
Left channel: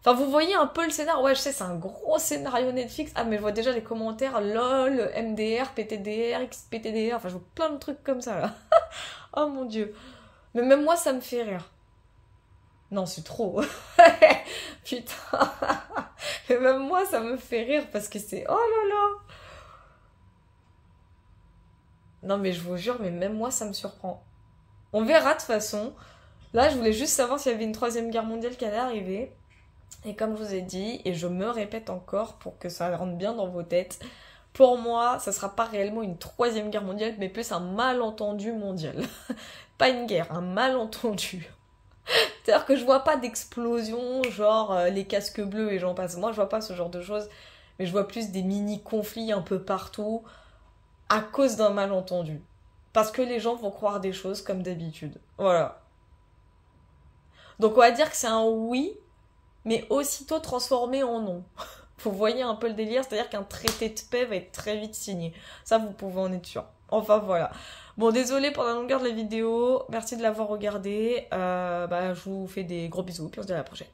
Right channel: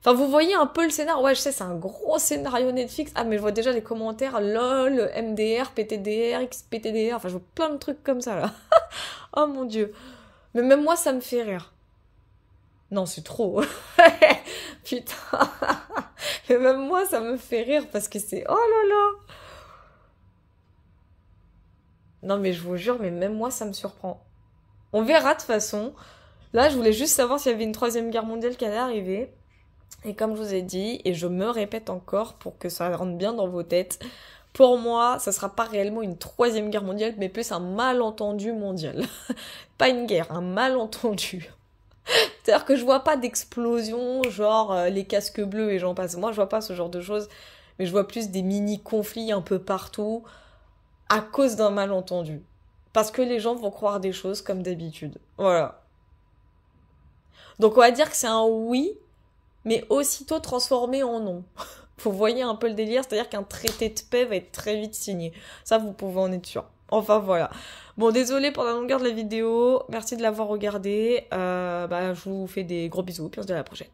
Enfin, vous voyez un peu le scénario. Ouais, je sais, c'est un gros scénario Netflix. Ah, mais je vois déjà les commentaires. LOL, MDR, PTDR, XPTDR. Enfin, je vois plein de trucs comme ça, là. Oh mon Dieu. Mais même moi, ça me fait rire. Non, c'est trop. Putain. Et même moi, ça me fait rire parce que c'est... Oh là là. Non, mais je vous jure, mais même moi, ça me surprend. On verra de toute façon. Là, je voulais juste savoir s'il y avait une troisième guerre mondiale qui allait arriver. Et comme je vous ai dit, et je me répète encore pour que ça rentre bien dans vos têtes, pour moi, ça sera pas réellement une troisième guerre mondiale, mais plus un malentendu mondial. Pas une guerre, un malentendu. C'est-à-dire que je vois pas d'explosion, genre les casques bleus et j'en passe. Moi, je vois pas ce genre de choses, mais je vois plus des mini-conflits un peu partout à cause d'un malentendu. Parce que les gens vont croire des choses comme d'habitude. Voilà. Donc on va dire que c'est un oui, mais aussitôt transformé en non. Vous voyez un peu le délire, c'est-à-dire qu'un traité de paix va être très vite signé. Ça, vous pouvez en être sûr. Enfin, voilà. Bon, désolé pour la longueur de la vidéo. Merci de l'avoir regardé. Je vous fais des gros bisous, puis on se dit à la prochaine.